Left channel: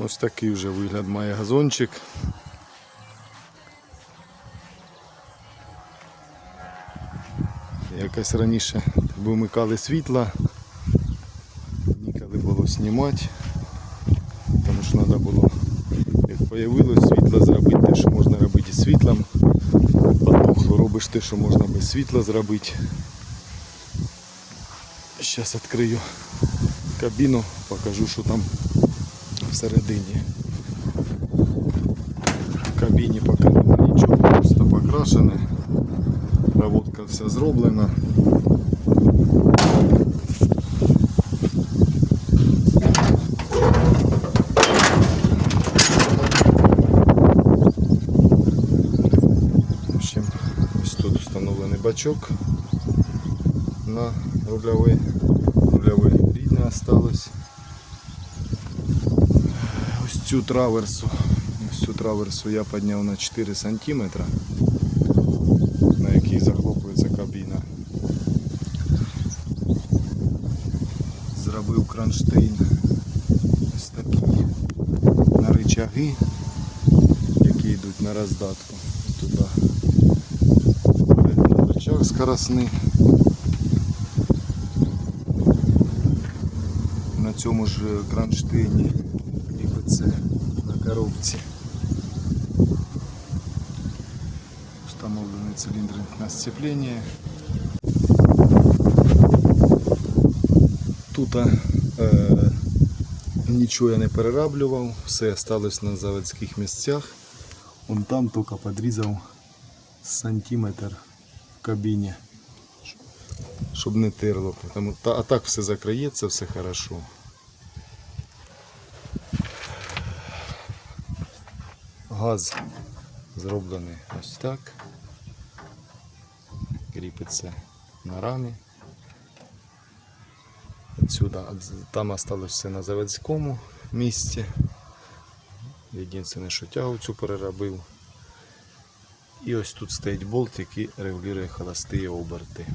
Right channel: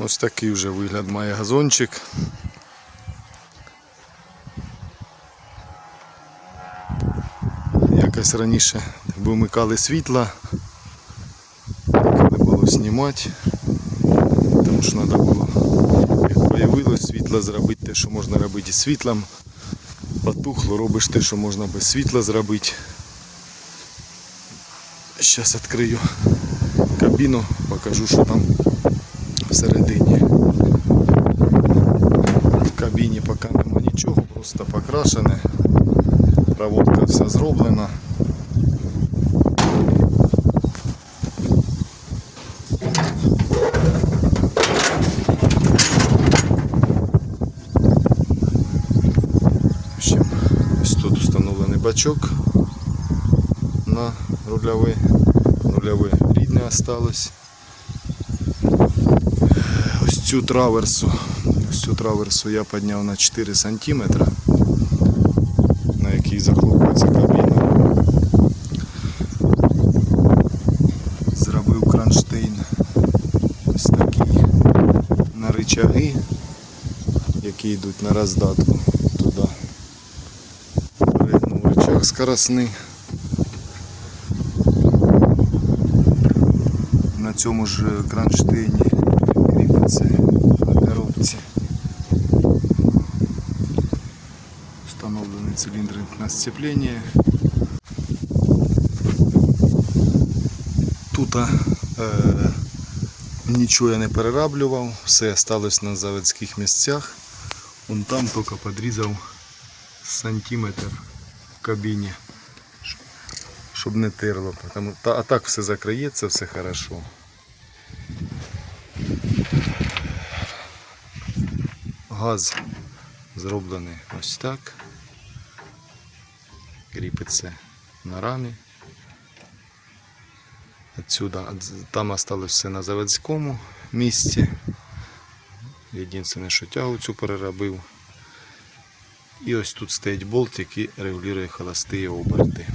Ось такий вже вигляд має газончик. Якось раніше вимикали світла, коли було знімати, тому що треба було, як появилось світло зробити те, що можна робити із світлом. Потухло, робиш те, що можна без світла зробити. Зараз відкрию кабіну, покажу, що там всередині. В кабіні поки нема нічого, просто покрашене. Проводка вся зроблена. В общем, ось тут встановлений бачок на рульовий. Рульовий рідне осталось. Цю траверсу, ось цю траверсу я підняв на 4 см, на якій захлопується кабіна. Зробив кронштейн ось такий на рычаги, які йдуть на роздатку туди. Перегнув рычаг скоростний. На цьому ж кронштейні кріпиться на коробці. Встановлений циліндр на сцеплення. Тут е, нічого я не перераблював, все залишилось на заводських місцях. Он там тільки підрізав сантиметр в кабіні, щоб не терло. А так все закриється, все хорошо. Газ зроблений ось так. Кріпиться на рамі. Отсюда, там осталось все на заводському місці. Єдине, що тягу цю переробив. І ось тут стоїть болт, який регулює холості оберти.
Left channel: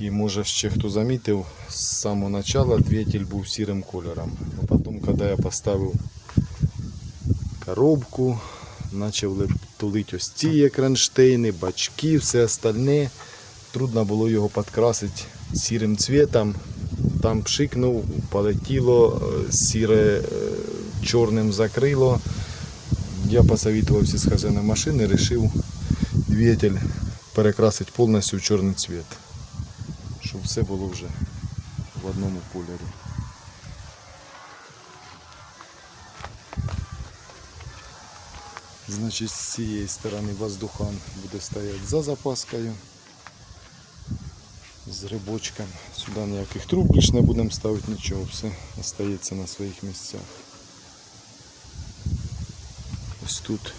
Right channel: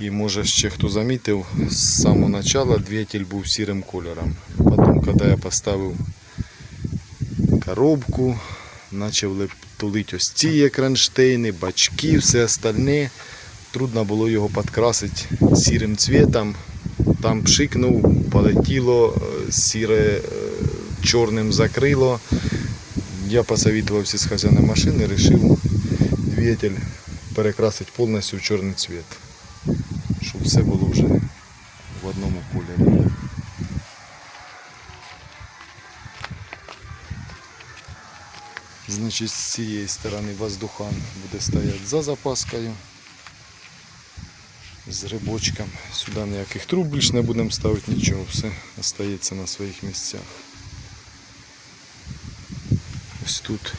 І може ще хто замітив, з самого початку двигатель був сірим кольором. Потім, коли я поставив коробку, почав тулити ось ці кронштейни, бачки, все остальне. Трудно було його підкрасити сірим цвітом. Там пшикнув, полетіло, е, сіре е, чорним закрило. Я посоветовався з хазяїном машини, вирішив двигатель перекрасити повністю в чорний цвіт. Щоб все було вже в одному кольорі. Значить, з цієї сторони воздухан буде стояти за запаскою. З рибочком. Сюди ніяких труб більш не будемо ставити нічого, все остається на своїх місцях. Ось тут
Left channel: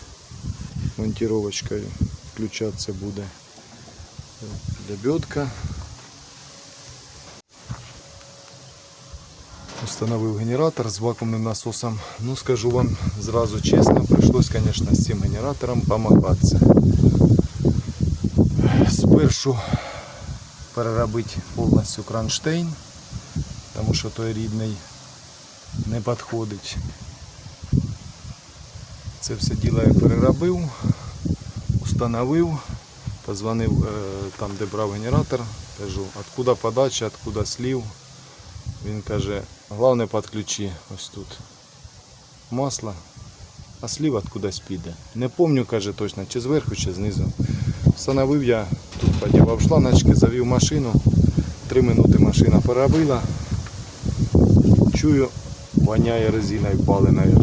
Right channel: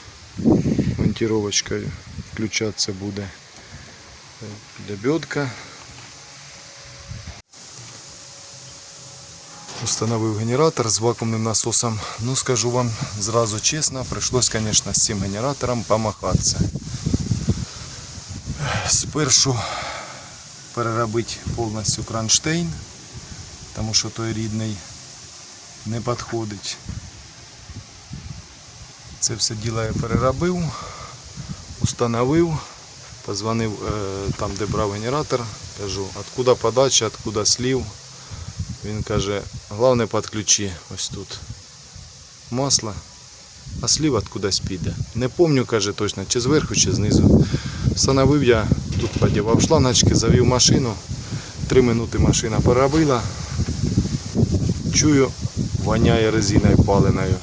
монтировочкою включатися буде е, лебедка. Установив генератор з вакуумним насосом. Ну скажу вам зразу чесно, прийшлось, звісно, з цим генератором помахатися. Спершу переробити повністю кронштейн, тому що той рідний не підходить. Це все діло я переробив, установив, позвонив е, там, де брав генератор, кажу, откуда подача, откуда слів. Він каже, головне підключи ось тут масло, а слів откудись піде. Не пам'ятаю, каже точно, чи зверху, чи знизу. Встановив я, тут подівав шланочки, завів машину. Три минути машина переробила. Чую, воняє резиною паленою.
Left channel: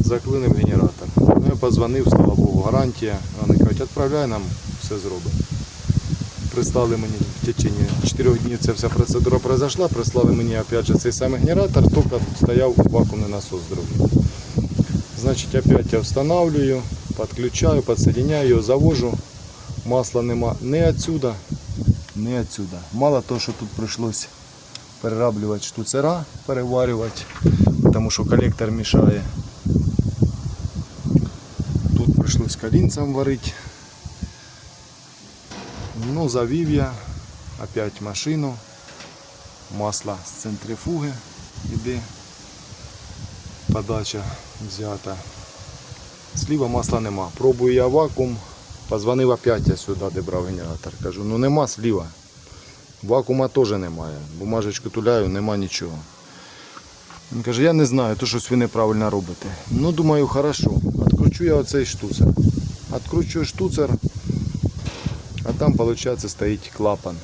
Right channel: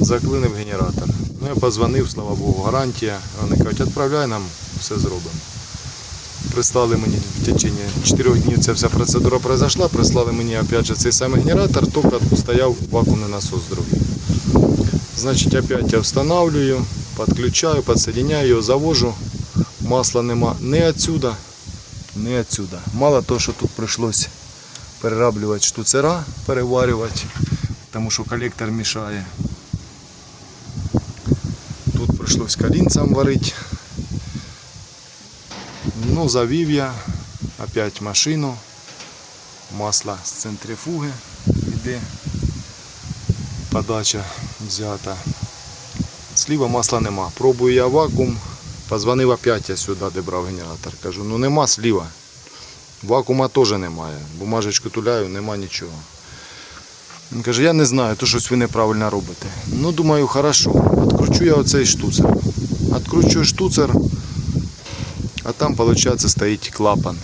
Заклинив генератор. Ну я позвонив, слава Богу, гарантія. Вони кажуть, відправляй нам, все зробимо. Прислали мені в течение 4 днів ця вся процедура произошла. Прислали мені опять же цей самий генератор, тільки стояв вакуумний насос другий. Значить, опять я встановлюю, підключаю, підсоединяю його, завожу. Масла нема ні отсюда, ні отсюда. Мало того, що тут прийшлось перераблювати штуцера, переварювати, тому що колектор мішає. Тут прийшлось колінцем варити. Ну, завів я опять машину. Масло з центрифуги іде. подача взята. Сліва масла нема. Пробую я вакуум. Позвонив опять я сюди, де брав генератор. Кажу, ну нема сліва. Вакуума теж немає. Бумажечку туляю, нема нічого. Він каже, я не знаю, то щось ви неправильно робите. Ну, думаю, хорошо. Откручу я оцей штуцер. Откручу штуцер, а там, виходить, стоїть клапан.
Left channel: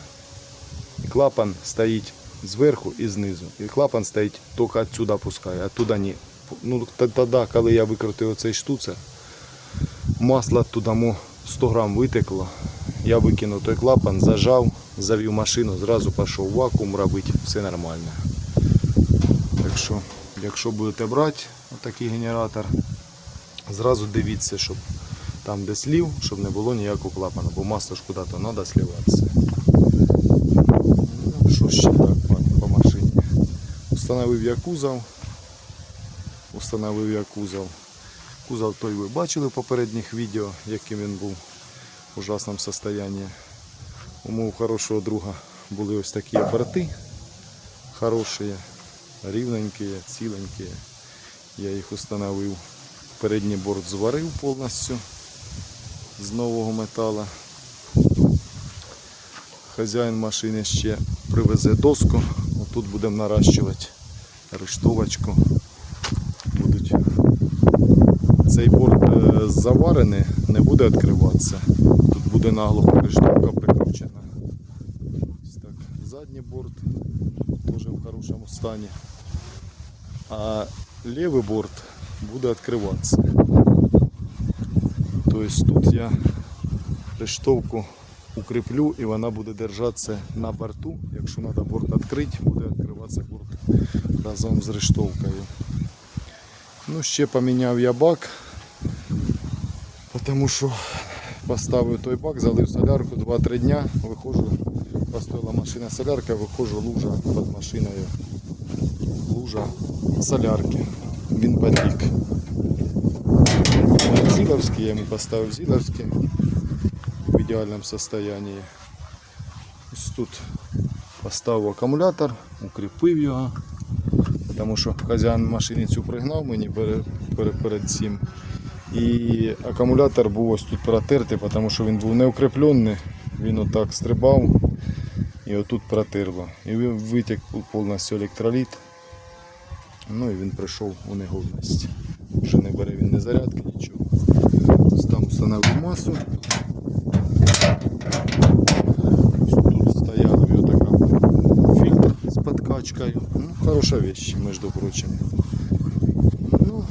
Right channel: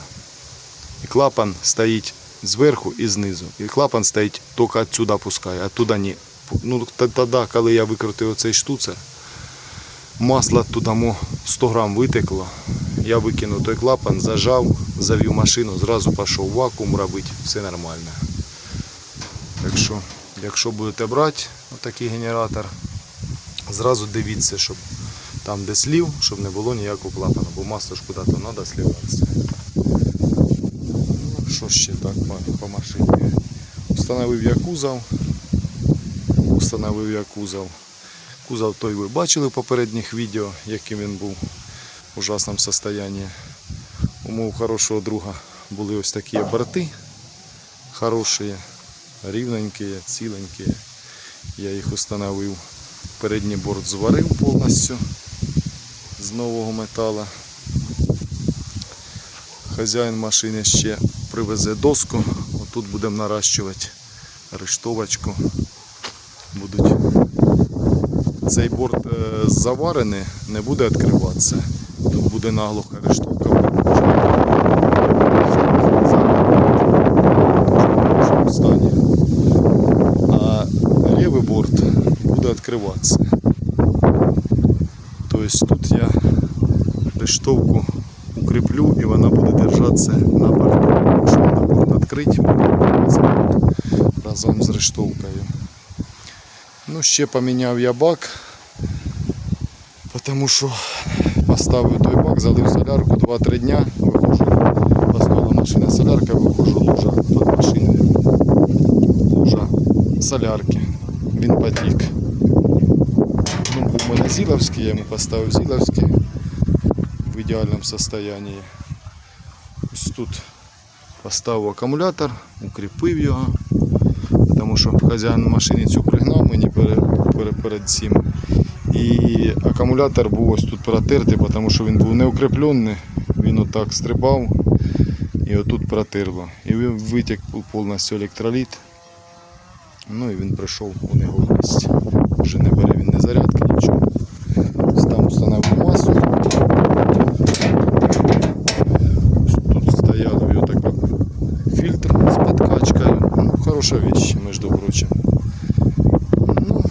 І клапан стоїть зверху і знизу. І клапан стоїть тільки відсюди пускає, а туди ні. Ну, тоді, коли я викрутив оцей штуцер, масло туди 100 грам витекло. Я викинув той клапан, зажав, завів машину, зразу пішов вакуум робити, все нормально. Так що, якщо будете брати такий генератор, зразу дивіться, щоб там, де слів, щоб не було ніякого клапана, бо масло ж куди-то треба сливатися. Ну, що ще так по, машині? Установив я кузов. Установив я кузов. Кузов той ви бачили в попередніх відео, яким він був в ужасному стані. У мого хорошого друга були ось такі борти хороші, рівненькі, ціленькі. Я їх установив. Передній борт зварив повністю з нового металу. Хазяїн машини ще привезе доску. Отут будемо наращувати рештовочку. Будуть. Цей борт е, заварений, не буде відкриватися. Тут буде наглухо рештовка. Стані. А лівий борт буде відкриватися. Тобто тут я рештовку укріплю і вона буде держатися на борту. Якщо треба борт відкрити, разом з рештовкою. Ну, ще поміняв я бак, тому що поставив той бак, залив солярку 2-3 дня, виходжу, поставила машина солярка, виходжу лужа під машиною. Лужа солярки. Він потік. Зіловський, я йому поставив Зіловський в ідеальному стані. Ось тут поставив акумулятор, укріпив його, тому що хазяїн машини цю пригнав мені перед, цим. І акумулятор був ось тут протертий, тому що він був не укріплений, він отак стрибав і отут протерло. І витік повністю електроліт. Ну і він прийшов у негодність. Вже не бере він не зарядки, нічого. Там встановив масу. Тут стояла в його така фільтр з подкачкою. Ну, хороша вещь, між прочим. Ну,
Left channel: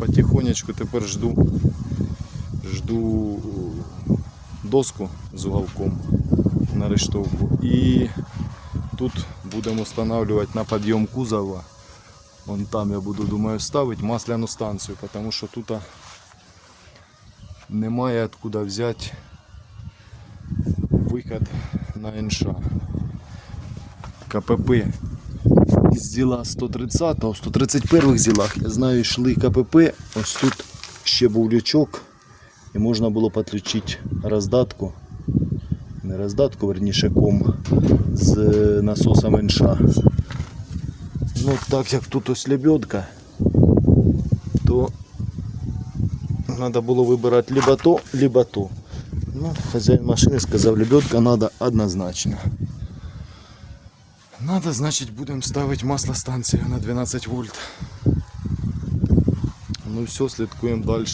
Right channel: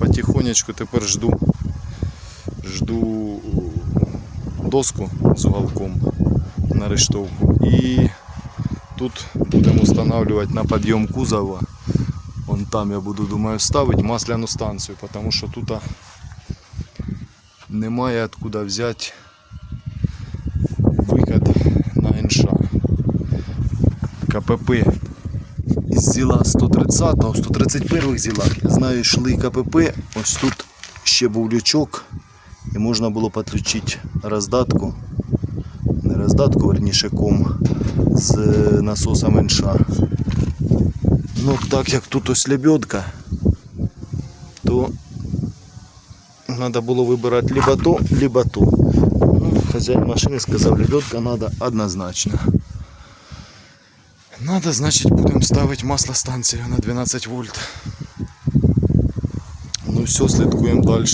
потихонечку тепер жду. Жду доску з уголком на рештовку. І тут будемо встановлювати на підйом кузова. Вон там я буду, думаю, ставити масляну станцію, тому що тут немає откуда взяти виход на НШ. КПП із зіла 130 в 131 зілах, я знаю, йшли КПП, ось тут ще був лючок і можна було підключити роздатку, не роздатку, верніше ком з насосом НШ. Ну, так як тут ось лебедка, то треба було вибирати либо то, либо то. Ну, хазяїн машини сказав, лебедка треба однозначно. Надо, значить, будемо ставити маслостанцію на 12 вольт. Ну все, слідкуємо далі.